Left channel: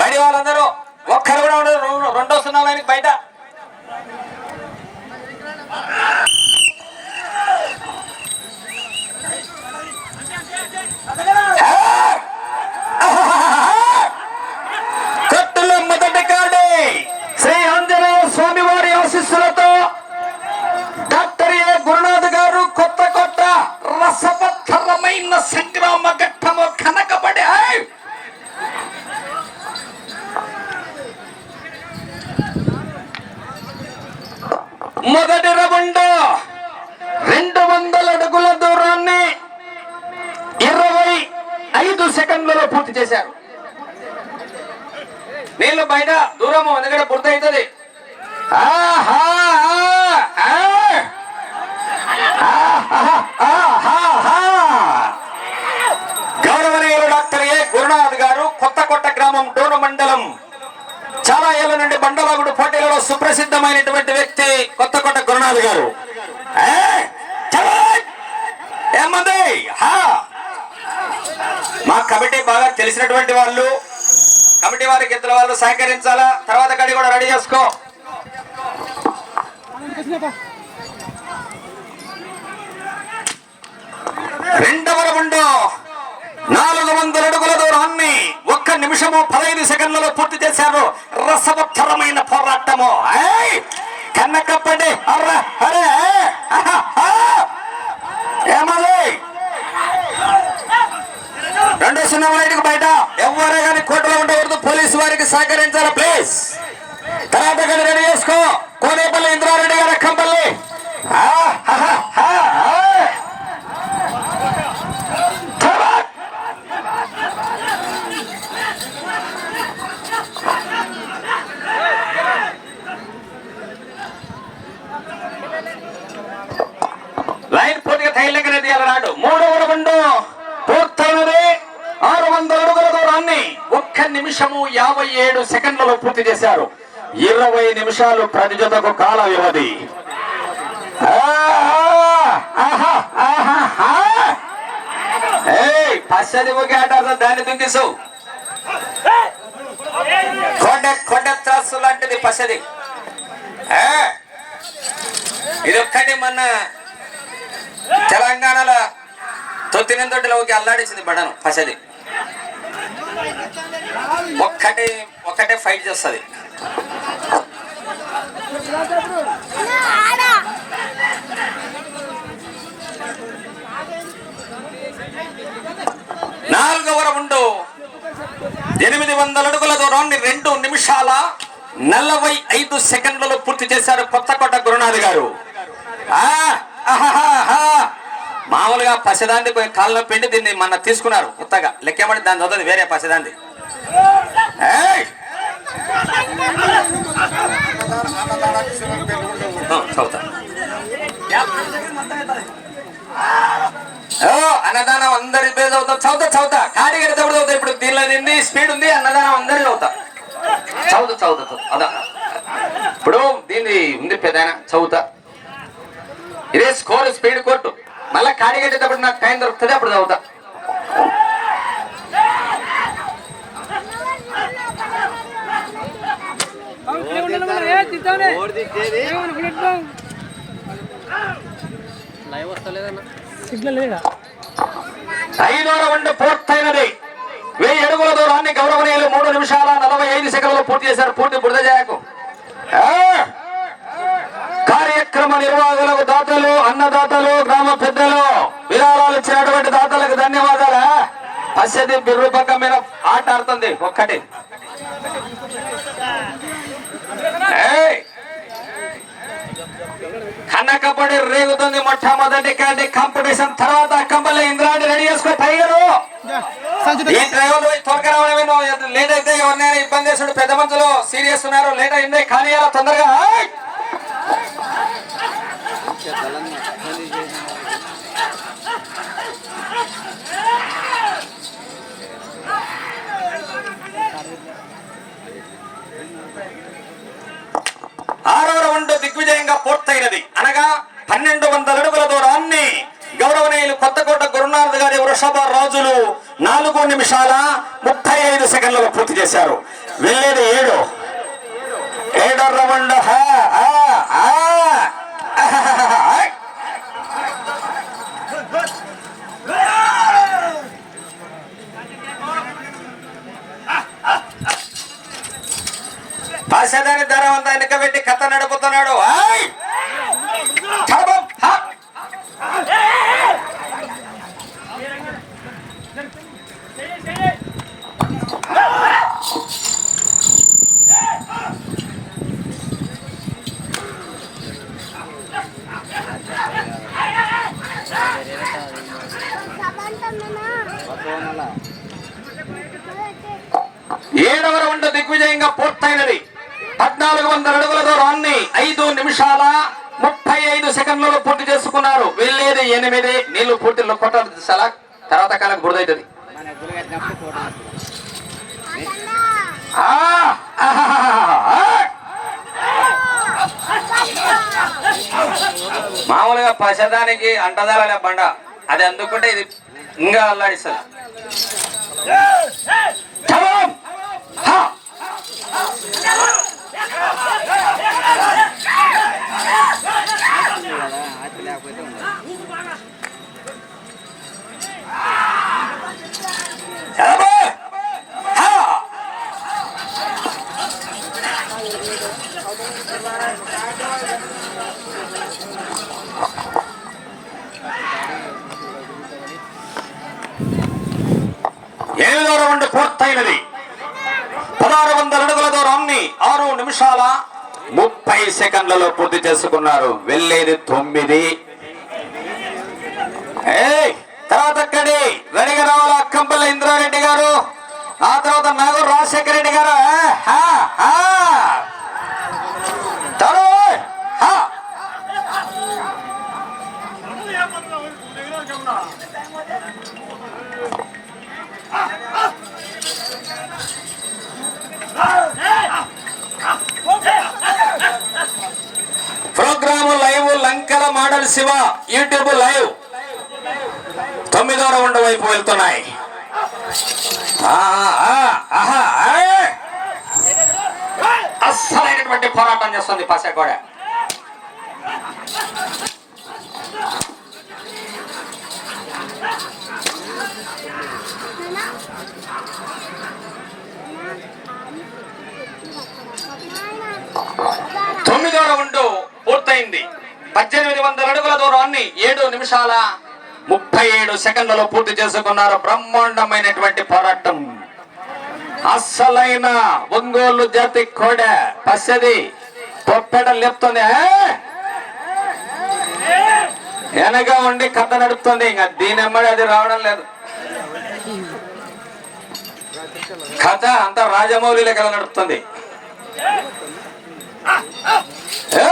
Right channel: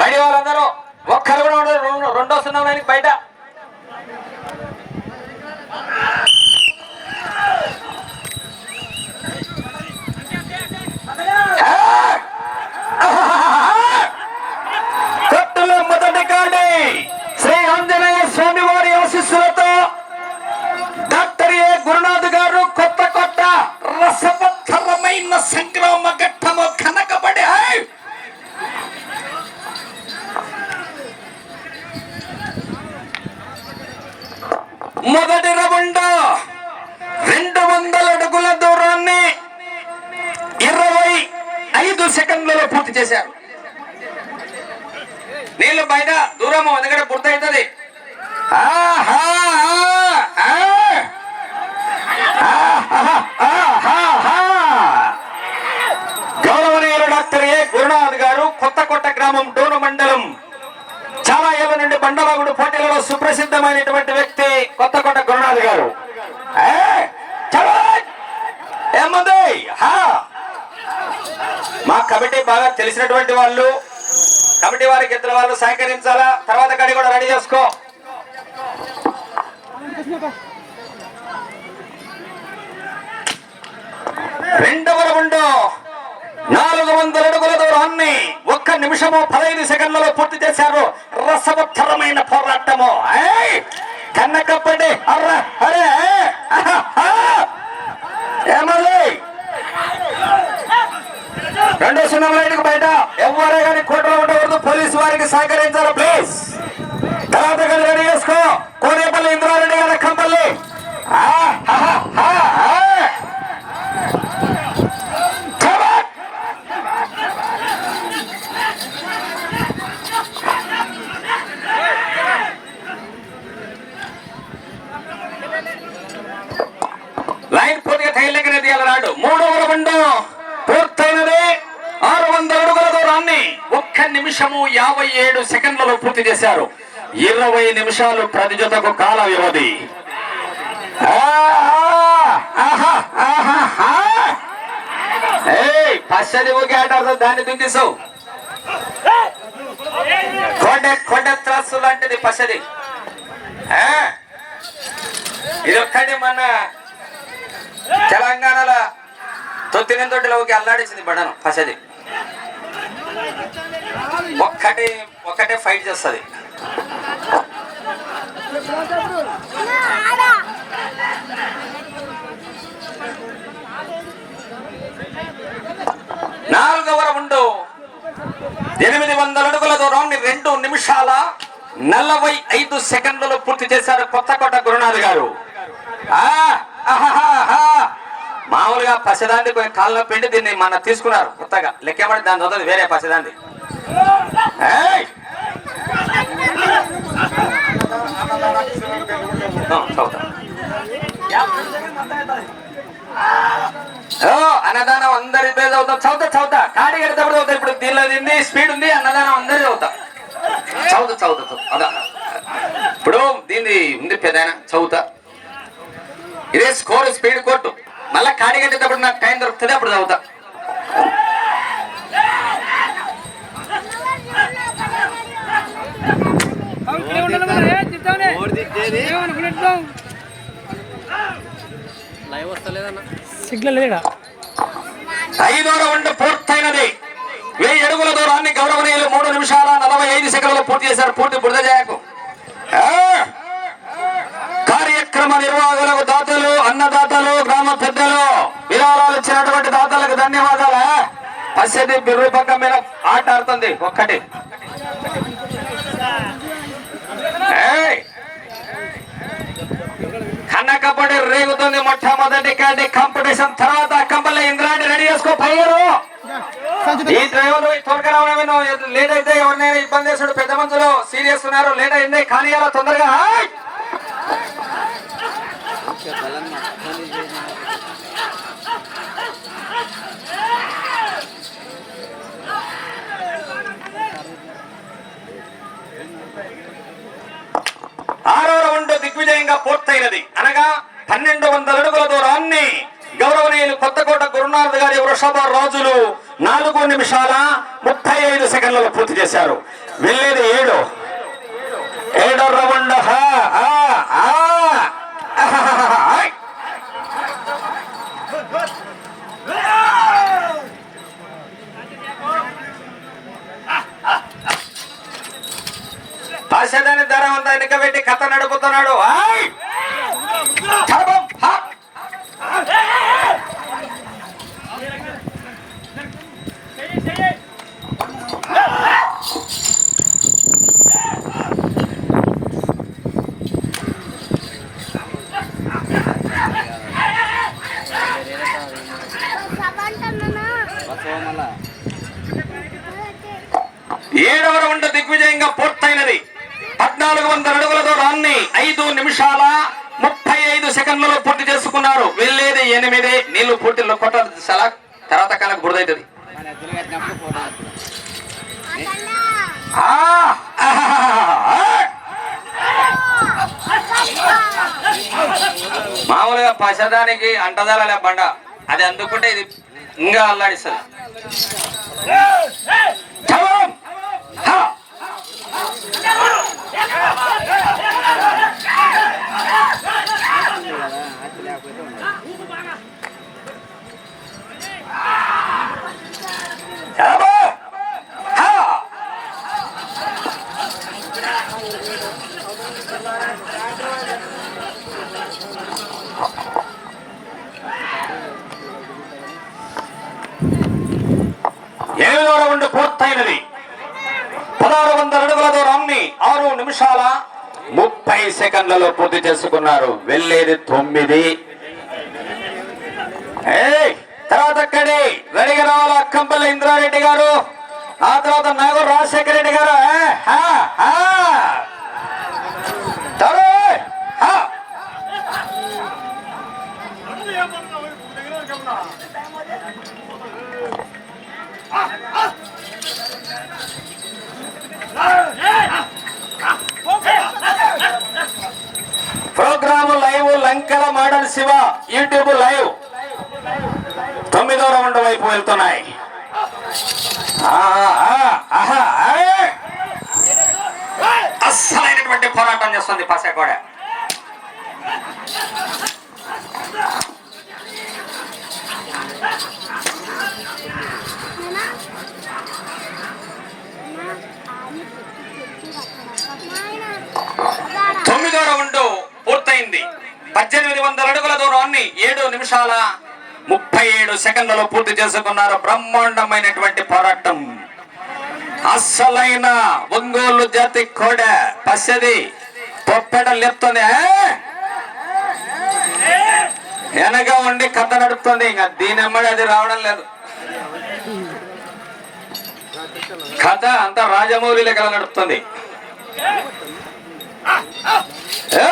బయట వాళ్ళందరూ ఒక్కరు కూడా ఉండదు రెండో సున్నా బయట. మొదటి రౌండ్ రెండు వందల అడుగుల దూరాన్ని ఇరవై ఐదు సెకండ్లలో పూర్తి చేశారు. నీళ్ళు బయట దూరం ఎందుకంటే పూర్తవుతుంది ఆహా, ఆహా, గౌరవనీయులు డాక్టర్ ఏ గురునాథ్ గారు కొత్త కొత్త గ్రామం డోరు మండలం చాలా ఏళ్ళ నుండి బండలాగుడు పోటీలలో సుప్రసిద్ధమైనటువంటి వ్యక్తి కొత్త కొత్త గురునాథ్ గారు. ఏ, ఏమంది? మా కమిటీ బాగా తెలిసినటువంటి వాళ్ళు. కమిటీ వారికి ఇద్దరు వాళ్ళు సహకరించాలా? తర్వాత కడి కూడా రెడీ చేసుకో. రెండవ రౌండ్ నాలుగు వందల అడుగుల దూరాన్ని ఒక్క నిమిషము పదహైదు సెకండ్లలో పూర్తి చేశారు. రసవత్తరమైన పోరాటము. ఏయ్! కన్నకప్పండి అర్ర అరే ఏమది? రెండు సున్నా లైన్కి బయట ఎవరే కానీ కోటలో ఉండకూడదు. పోలీసు వారికి సహకరించాలి ప్లీజ్. తర్వాత కానీ రెడీ చేసుకో. కోనేపల్లి ఇంద్రారెడ్డి గారు కంపల్లి పూర్తి చేశారు. ఇరవై నిమిషాలు ప్రతి జతకు కాల వ్యవధి ఆహా, ఆహా, ఏయ్, దాన్ని దుంకిసావు కొండ కొండ త్రాసు లాంటిది పచ్చడి. ఆ? ఇది ఒక్కటి మన తెలంగాణలో తొత్తినంతోటిలోకి అల్లాడించింది బడను పసది ఒక్కటి ఒక్కటే ఫైట్ చేస్తుంది. నాలుగవ రౌండ్ ఎనిమిది వందల అడుగుల దూరాన్ని రెండు నిమిషాల నలభై ఐదు సెకండ్లలో పూర్తి చేశారు కొత్తకోట గురునాథ్ గారు. మామూలుగా పసిదాంది కాళ్ళ పిండి దీన్ని మన తీసుకున్నారు కొత్తగా. లెక్కబడి దాని చదువు వేరే పసిదాంది ఏయ్! ఓ, చదువుతా. ఓ, అన్నదానం అందరి పేరు చదువుతాం చదువుతా చదువుతా కాడి కడితేప్పుడు చదువుతా ఇప్పుడు దీనిలో నింది స్పీడ్ ఉంది అన్నదానం అందరి చదువుతా చదువుతా చదువుతా చదువు అదా. ఇప్పుడు దీన్ని ఉంది పెదాయన చదువుతా. ఇదే స్కోర్ స్పీడ్ కొట్టు. మళ్ళా కాడి కట్టేటప్పుడు నాకు టైం దొరుకుతుంది అప్పుడు చదువుతా. సిగ్నల్ లేడా? ఐదో రౌండ్ పూర్తయినది. వెయ్యి అడుగుల దూరాన్ని గౌరవనీయులు మూడు నిమిషాల నలభై ఐదు సెకండ్లు పూర్తి చేశారు. పూర్తి బురద చేయకు కార్యక్రమ నిర్వాహకులకు దాతలు అన్నదాతలు గ్రామ పెద్దలు విరాళాలు ఇచ్చినటువంటి దాతలకు ధన్యవాదాలు. పసిది బిర్రు పక్క మీద ఆట ఆడుతుంది ఒక్కటి. కబడ్డీ రేగుతుంది మొట్టమొదటి కంటే కాంపిటీషన్. తర్వాత కంపల్లి ఇంద్రాంటి రెడీ చేసుకో టైగరు ఈ డ్రైవర్ త్వరగా రావడమే నువ్వు లేట్ అయితే ఎవరినైనా ఇబ్బంది చేస్తాడు పెద్ద మనుషులు సీరియస్ ఉన్నారు. లేట్ అయింది కానీ అలా తొందరగా! ఆరో రౌండ్ దిగ్విజయంగా పూర్తయినది. పన్నెండు వందల అడుగుల దూరాన్ని గౌరవనీయులు కొత్తకోట గురునాథ్ గారి వృషభ రాజులు నాలుగు నిమిషాల ముప్పై ఐదు సెకండ్లలో పూర్తి చేశారు. వెళ్ళేది ఏడు. ఏడో రౌండ్ హా, ధర ఉందా వెనకబెట్టి కథ నడుపు ఆయ్! చలబం, హా! ఏడవ రౌండ్ దిగ్విజయంగా పూర్తయినది పద్నాలుగు వందల అడుగుల దూరాన్ని ఐదు నిమిషాల ముప్పై ఐదు సెకండ్లలో పూర్తి చేసుకున్నారు వెళ్ళేది ఎనిమిది నీళ్ళు పూర్తిలో కొట్టాలి చాలా తర్వాత కాలం బురదవుతుంది మామూలుగా పసదానికి అంటదాల బండ. అది అందుకుంటే ఇది ఇంకా అల్లాడిస్తుంది. రౌండ్ పదహారు వందల అడుగుల దూరాన్ని ఆరు నిమిషాల ముప్పై సెకండ్లలో పూర్తి చేసుకున్నారు. వెళ్ళేది తొమ్మిది. తర్వాత అక్కడి రెడీగా రావాల కంపల్లి ఇంద్రారెడ్డి గారు? ఆ తర్వాత నాగూర్ రాజశేఖర రెడ్డి గారు? Program live Lankela model Shiva YouTube live. తొమ్మిదో రౌండ్ వైపు వెళ్తున్నాయి. ఆహా, అస్సలైనటువంటి పోరాటం చేస్తుంది పసకోడ తొమ్మిదవ రౌండ్ పూర్తయింది. పద్దెనిమిది వందల అడుగుల దూరాన్ని ఏడు నిమిషాల ముప్పై ఏడు సెకండ్లలో పూర్తి చేసుకున్నారు బ్రహ్మాండమైనటువంటి పోరాటం. అస్సలైన ఒంగోలు జాతి కోడ పచ్చది పొప్పెడ లేపుతుంది. వెనక ఉండి కథ నడుపుతుంది. ఇంకా దీని అది రావడం లేదు. కథ అంతా రాజమౌళి కథ నడుపుతుంది. ఏ!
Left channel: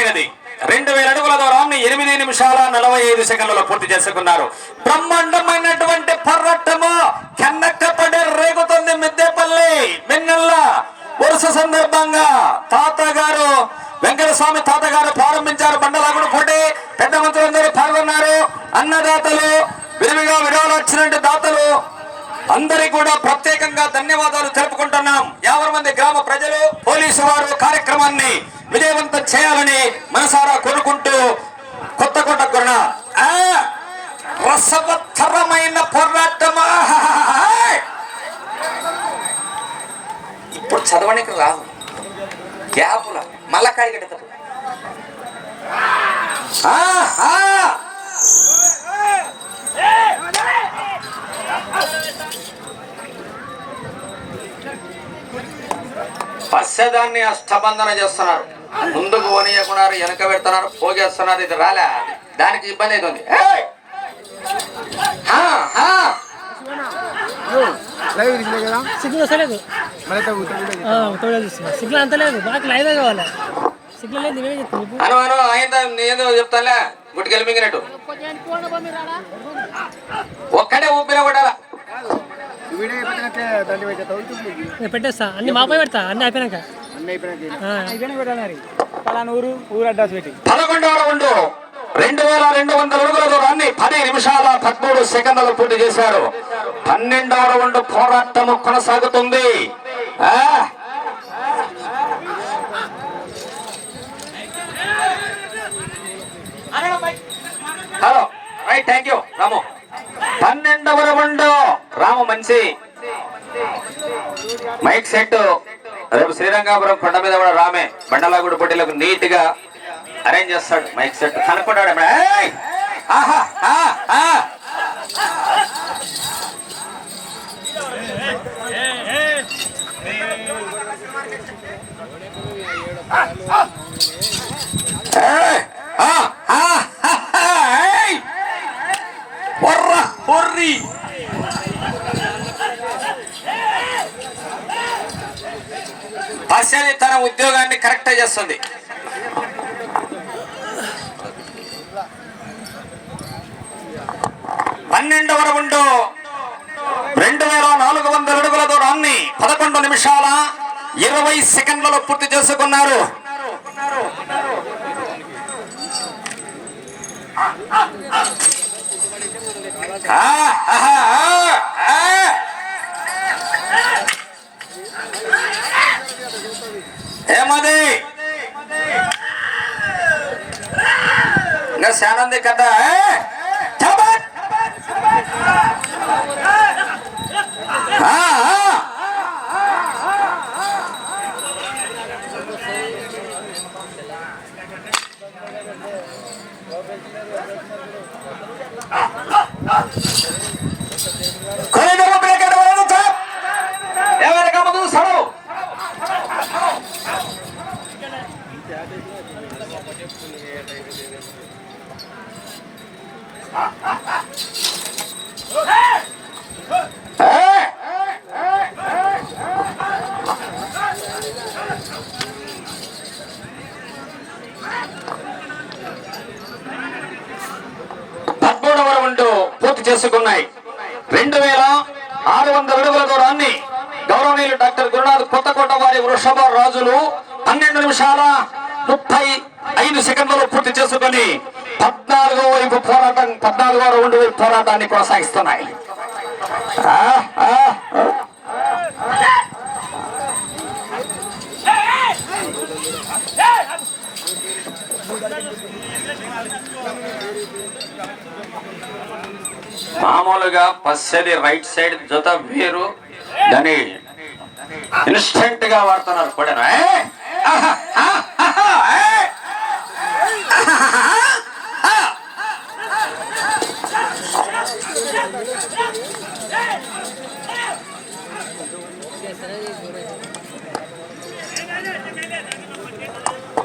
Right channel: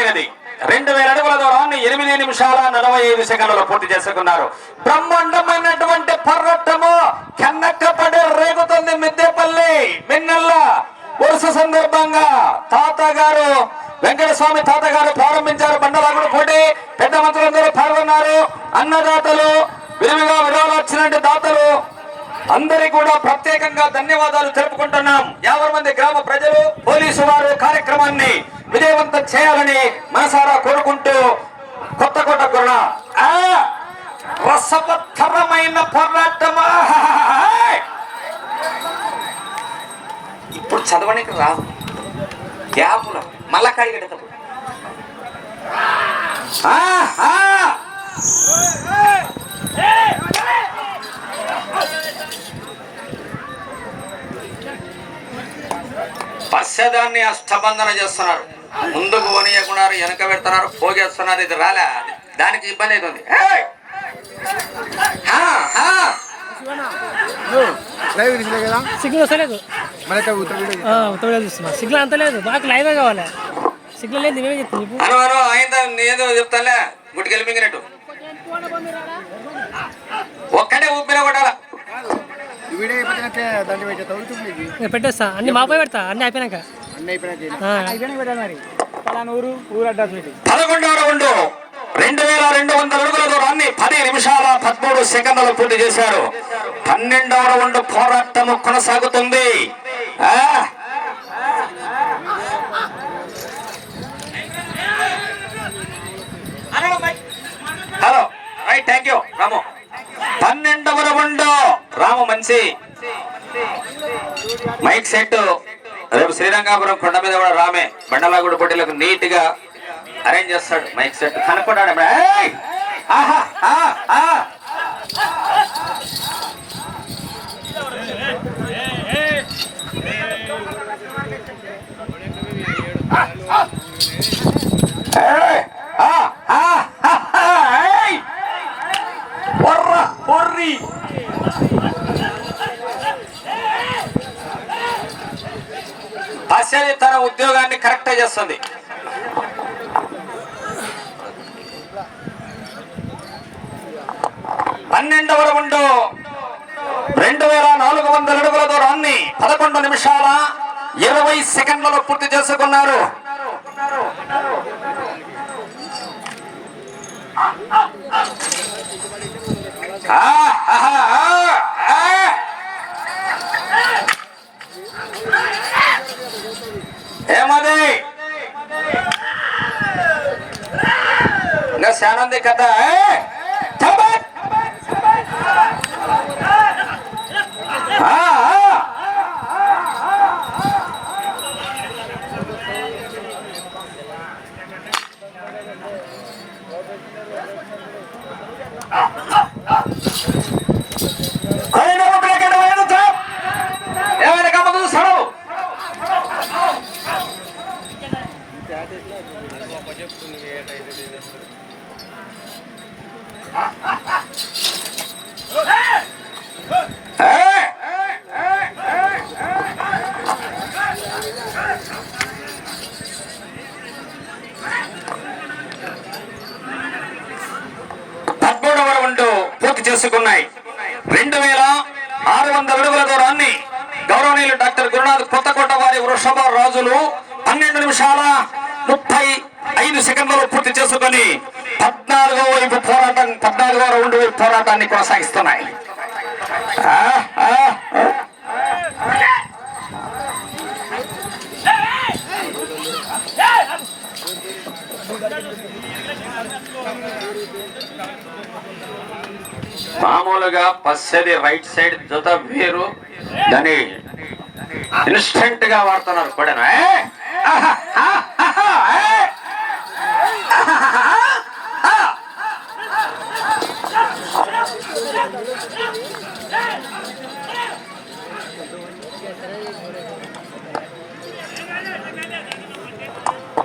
దిగ్విజయంగా రెండు వేల అడుగుల దూరాన్ని ఎనిమిది నిమిషాల నలభై ఐదు సెకండ్లలో పూర్తి చేసుకున్నారు. బ్రహ్మాండమైనటువంటి పోరాటము కన్నెక్కపడి రేగుతుంది మిద్దెపల్లి మిన్నల్ల వరుస సందర్భంగా తాత గారు వెంకటస్వామి తాత గారు ప్రారంభించారు బండలగుడు పోటీ. పెద్ద మంత్రులందరూ పాల్గొన్నారు. అన్నదాతలు విరివిగా విడుదల వచ్చినట్టు దాతలు అందరికి కూడా ప్రత్యేకంగా ధన్యవాదాలు తెలుపుకుంటున్నాం. యాభై మంది గ్రామ ప్రజలు పోలీసు వారు కార్యక్రమాన్ని విజయవంతం చేయాలని మనసారా కోరుకుంటూ కొత్తకోట గురణ ఆ, రసవత్తరమైన పోరాటమా? ఇప్పుడు చదవడానికి రాదు. గ్యాపుల మళ్ళా ఆహా! పశ్చదాన్ని అష్టబంధన చేస్తున్నారు. ముందుకు పోనీయకున్నారు వెనక పెడుతున్నారు పోగేస్తున్నారు ఇది రాలే దానికి ఇబ్బంది అవుతుంది. సిగ్నల్ వస్తలేదు మరి ఉత్తర ఆ, ఉత్తరం చూస్తున్నా. సిగ్నల్ అంత లేదు. మాకు లైవే కావాలి? సిగ్నల్ లేదు నేనే చెప్తాను నీకు అను అను అయిందా? నేనేదో చెప్తానులే. గుట్టుకెళ్ళి మింగినట్టు. ఒక్కడే ఊపిరా కొట్టాలా ఈ వీడియో అయిపోయినాక దాన్ని పెట్టేస్తా ఉంటుంది నేను పెట్టేస్తా. అన్ని మాపై పెడతా. అన్ని అయిపోయినాక. అన్నీ అయిపోయినాక. పెట్టాలి మరి. పలానా ఊరు ఊరు అడ్రస్ పెట్టి పదకొండవ రౌండ్ రెండు వేల రెండు వందల అడుగుల దూరాన్ని పది నిమిషాల పదమూడు సెకండ్లు పూర్తి చేశారు. పన్నెండవ రౌండ్ పోరాటం కొనసాగుతుంది. ఆ? హలో. Thank you Ramu. పన్నెండవ రౌండ్. రాము మంచి మైక్ సెట్. రేపు శ్రీరంగాపురం కొండ మీద కూడా రామే. బండలాగూడ పోటీలకు నీట్గా అరేంజ్ చేస్తాడు మైక్ సెట్. కనుక్కుంటాడు ఏయ్! ఆహా! ఆ! ఆ! ఏయ్! ఆ! ఆ! హా! హా! ఏయ్! వర్ర! హొర్రి! తన ఉద్యోగాన్ని కరెక్ట్ చేస్తుంది పన్నెండవ రౌండ్ రెండు వేల నాలుగు వందల అడుగుల దూరాన్ని పదకొండు నిమిషాల ఇరవై సెకండ్లలో పూర్తి చేసుకున్నారు ఆ, ఆహా, ఆ, ఆ. ఏమది ఇంకా శానంది కదా ఏ? చబట్! ఆ, ఆ. అరే, నువ్వు బ్రేక్ ఎక్కడ పోయావు? చాప్! ఏమైనా కమ్మదు చూస్తాడు పదమూడవ రౌండ్ పూర్తి చేసుకున్నాయి. రెండు వేల ఆరు వందల అడుగుల దూరాన్ని గౌరవనీయులు డాక్టర్ గురునాథ్ కొత్తకోట వారి వృషభ రాజులు పన్నెండు నిమిషాల ముప్పై ఐదు సెకండ్లలో పూర్తి చేసుకొని పద్నాలుగో వైపు పోరాటం పద్నాలుగో రౌండ్ వైపు పోరాటాన్ని కొనసాగిస్తున్నాయి ఆ, ఆ, ఆ. మామూలుగా పచ్చది రైట్ సైడ్ జత వేరు. దాన్ని ఇన్స్టెంట్గా వాడుతున్నారు కూడా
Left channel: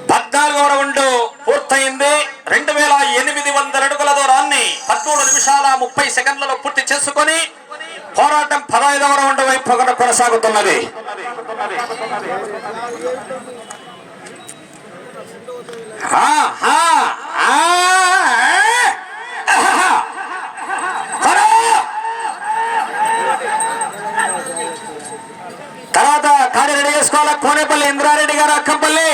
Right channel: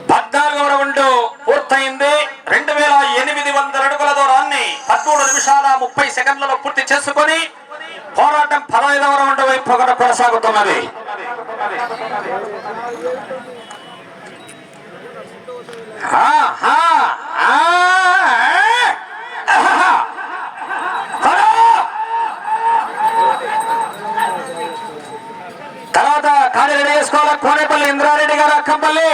పద్నాలుగవ రౌండ్ పూర్తయింది. రెండు వేల ఎనిమిది వందల అడుగుల దూరాన్ని పదమూడు నిమిషాల ముప్పై సెకండ్లలో పూర్తి చేసుకొని పోరాటం పదహైదవ రౌండ్ వైపు ఒకటి కొనసాగుతున్నది. హా ఆ, ఆ, ఆ, త్వరగా! తర్వాత కాడి రెడీ చేసుకోవాలి కోనేపల్లి ఇంద్రారెడ్డి గారు అక్కంపల్లి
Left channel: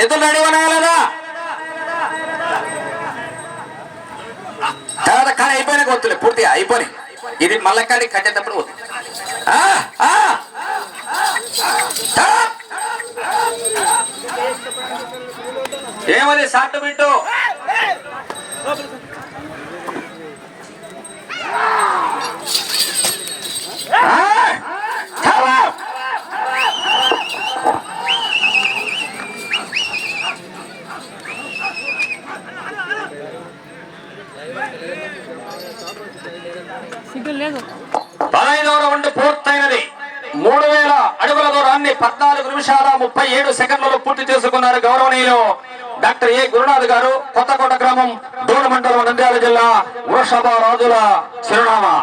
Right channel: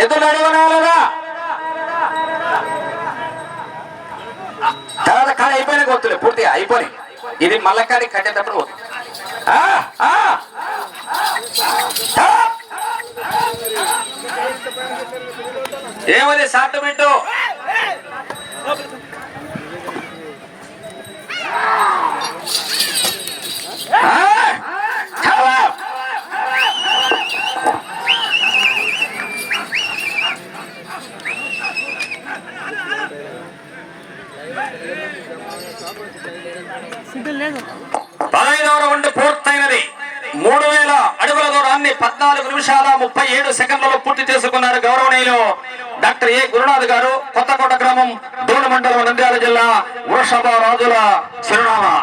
ఎదురు రెడీ ఉన్నాయా తర్వాత కాడి అయిపోయినా గొత్తులే పూర్తిగా అయిపోయి ఇది మల్లకాడి కట్టేటప్పుడు ఏమని సాటమేంటో ఆ. ఏమది సార్టమెంటు సిగ్నల్ లేదు పదహైదవ రౌండ్ పూర్తయినది మూడు వేల అడుగుల దూరాన్ని దూరాన్ని పద్నాలుగు నిమిషాల ముప్పై ఏడు సెకండ్లలో పూర్తి చేసుకున్నారు గౌరవనీయులు డాక్టర్ ఏ గురునాథ్ గారు కొత్తకోట గ్రామం దూడ మండలం నంద్యాల జిల్లా వృషభ రాజుల చిరునామా.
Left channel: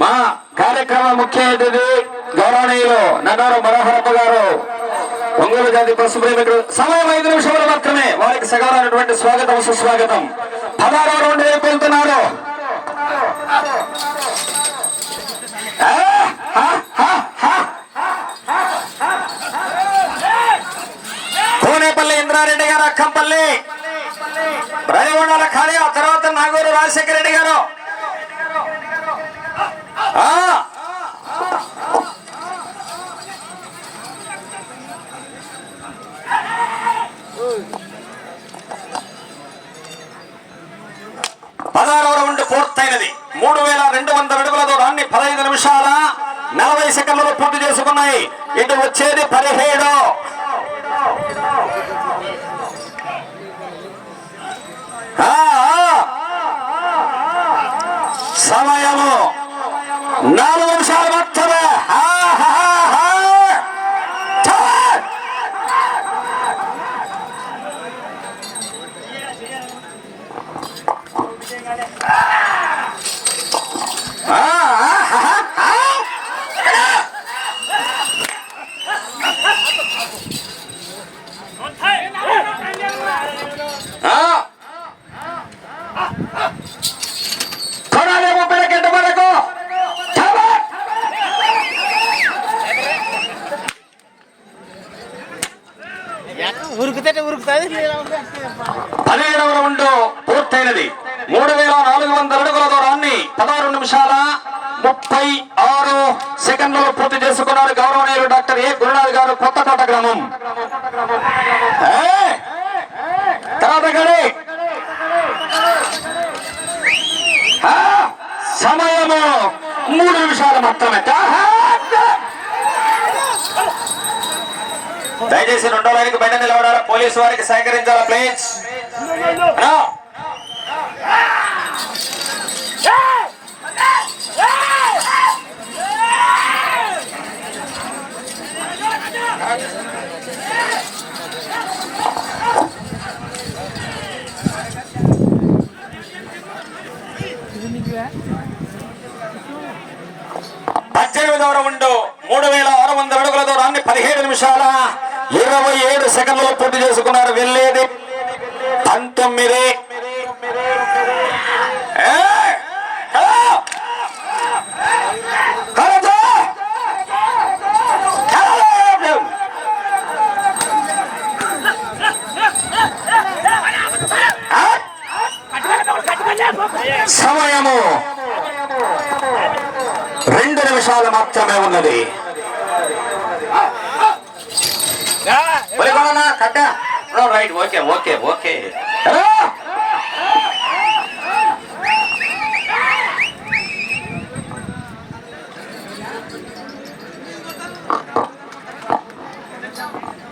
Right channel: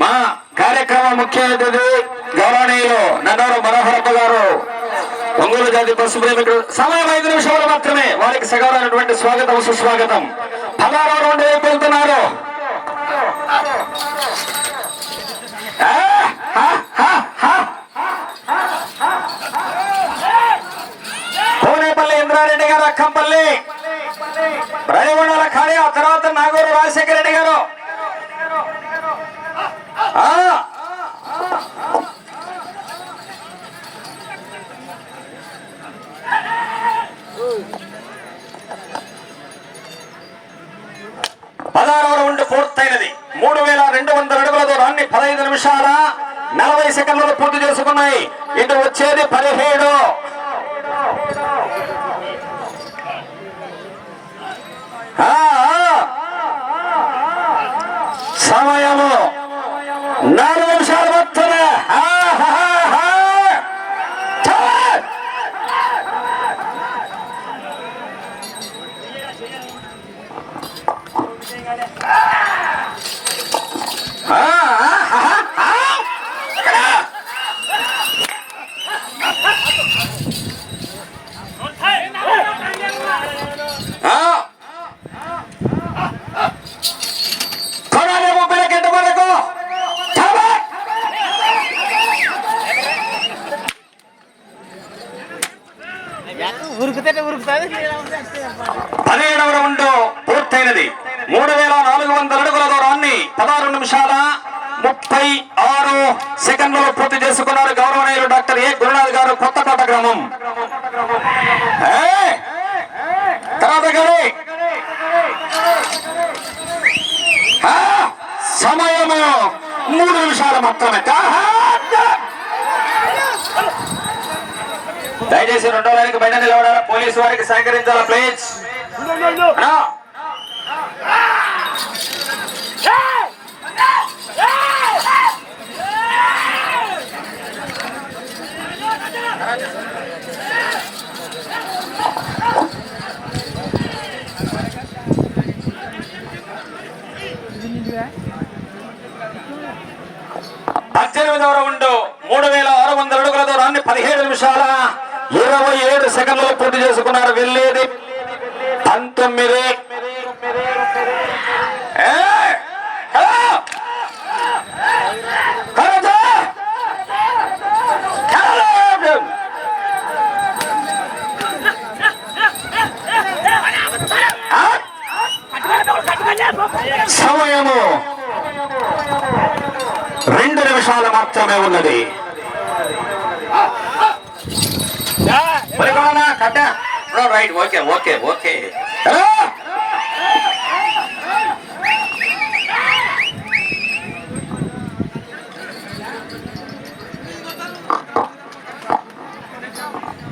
మా కార్యక్రమ ముఖ్య అతిథి గౌరవనీయులు నన్నారు మనోహరప్ప గారు ఒంగోలు జాతి బస్సు ప్రేమికుడు. సమయం ఐదు నిమిషాలు మాత్రమే. వారికి సగమైనటువంటి స్వాగతం సుస్వాగతం. పదహారు రౌండ్ వైపు వెళ్తున్నారు ఆ, హ, హ, హ. కోనేపల్లి ఇంద్రారెడ్డి గారు అక్కంపల్లి రైవండల ఖాళీ ఆ తర్వాత నాగూరు రాజశేఖర రెడ్డి గారు ఆ పదహారవ రౌండ్ పూర్తయినది మూడు వేల రెండు వందల అడుగుల దూరాన్ని పదహైదు నిమిషాల నలభై సెకండ్లు పూర్తి చేసుకున్నాయి ఇటు వచ్చేది పదిహేడు ఆ, ఆ. సమయము నాలుగు నిమిషాలు మాత్రమే ఆ, హా, హా. ఛా! ఆ, ఆ, హా, హా. ఆ. కొనాలి ముప్పై గంట వరకు చాలా. ఉరుకుతే ఉరుకుతుంది పదిహేడవ రౌండ్ పూర్తయినది. మూడు వేల నాలుగు వందల అడుగుల దూరాన్ని పదహారు నిమిషాల ముప్పై ఆరు సెకండ్లలో పూర్తి చేసుకున్నారు గౌరవనీయులు డాక్టర్ ఏ. గురునాథ్ గారు కొత్తకోట గ్రామం. సమయము మూడు నిమిషాలు మాత్రమే ఆహా! దయచేసి రెండో వారికి బండి నిలబడాలా పోలీసు వారికి సహకరించాలా ప్లీజ్ రా. పద్దెనిమిదవ రౌండ్ మూడు వేల ఆరు వందల అడుగుల దూరాన్ని పదిహేడు నిమిషాల ఇరవై ఏడు సెకండ్లు పూర్తి చేసుకున్నారు. వెళ్ళేది. పంతొమ్మిది సమయము రెండు నిమిషాలు మాత్రమే ఉన్నది. కట్ట. రైట్ ఓకే ఓకే ఓకే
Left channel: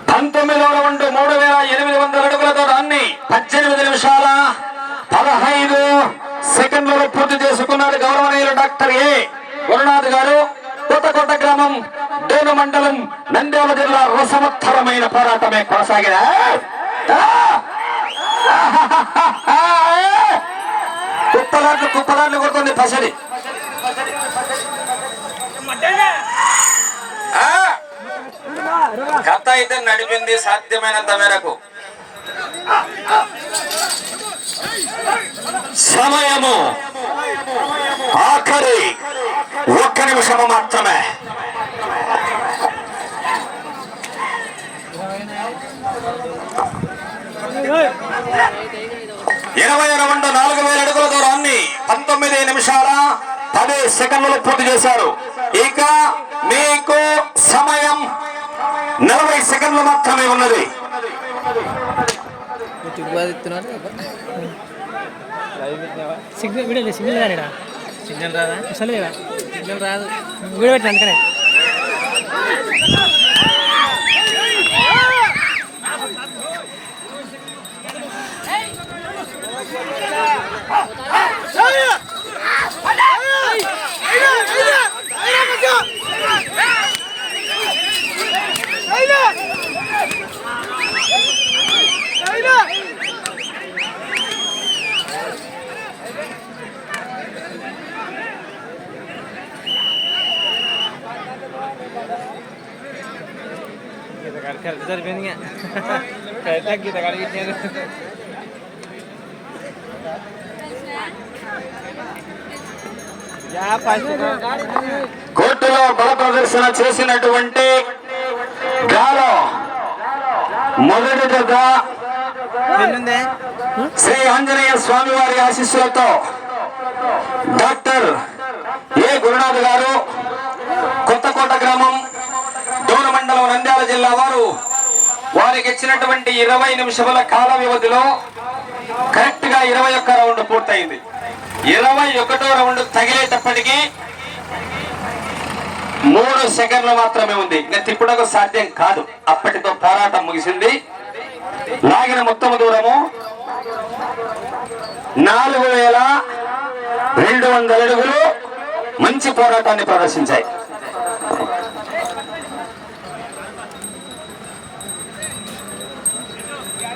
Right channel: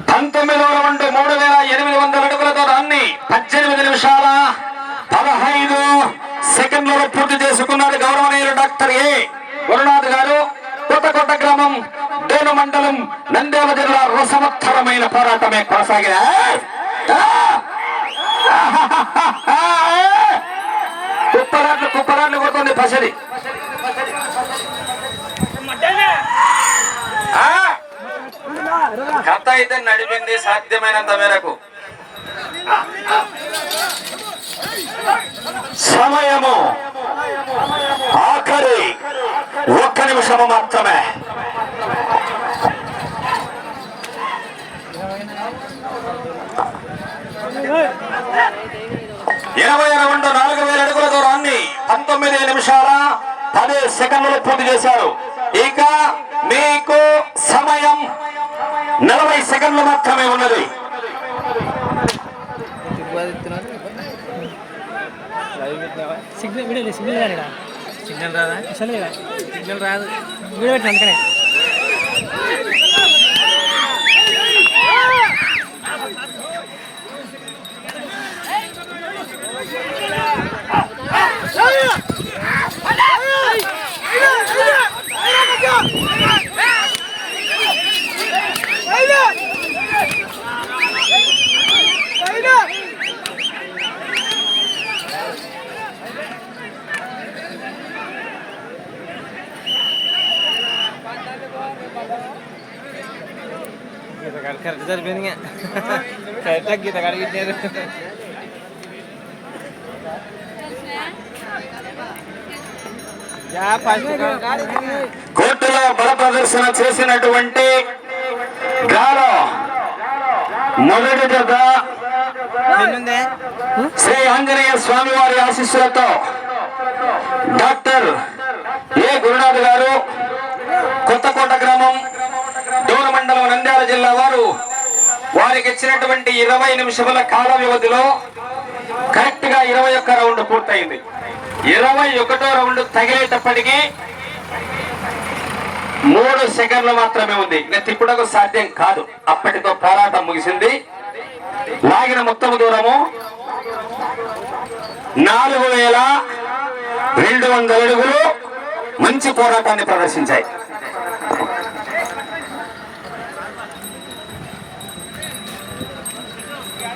పంతొమ్మిదవ రౌండ్ మూడు వేల ఎనిమిది వందల అడుగులతో దాన్ని పద్దెనిమిది నిమిషాల పదహైదు సెకండ్లలో పూర్తి చేసుకున్నారు గౌరవనీయులు డాక్టర్ ఏ. గురునాథ్ గారు. కోటకోట గ్రామం డోను మండలం నంద్యాల జిల్లా రసవత్తరమైన పోరాటమే కొనసాగిన? కుప్పలాట్లు కుప్పలాట్లు కొడుతుంది పసడి. కథ అయితే నడిపింది సాధ్యమైనంత మేరకు. సమయము. ఆఖరి ఒక్క నిమిషము మాత్రమే. ఇరవై రెండు నాలుగు వేల అడుగుల దూరాన్ని పంతొమ్మిది నిమిషాల పది సెకండ్లు పూర్తి చేశారు. ఇక మీకు సమయం నలభై సెకండ్లు మాత్రమే ఉన్నది. సిగ్నల్ వీడియో సిగ్నల్ రాడా సిగ్నల్ రాదా? అసలు లేదా? సిగ్నల్ రాదు. వీడియో పెట్టిన అందుకనే. కరెక్ట్ కోర్టులో బల ప్రదర్శన చేసినటువంటి గాలో మొదటి దొంగ ఎన్నుందే శ్రీ ఆంజనేయ స్వామి వారి ఆశీస్సులతో డాక్టర్ ఏ గురునాథ్ గారు కొత్తకోట గ్రామం డోన మండలం నంద్యాల జిల్లా వారు వారికి ఇచ్చినటువంటి ఇరవై నిమిషముల కాల వ్యవధిలో కరెక్ట్గా ఇరవై ఒక్క రౌండ్ పూర్తయింది. ఇరవై ఒకటో రౌండ్ తగిలేటప్పటికీ మూడు సెకండ్లు మాత్రమే ఉంది. ఇంకా తిప్పుటకు సాధ్యం కాదు. అప్పటితో పోరాటం ముగిసింది. లాగిన మొత్తం దూరము నాలుగు వేల రెండు వందల అడుగులు మంచి పోరాటాన్ని ప్రదర్శించాయి.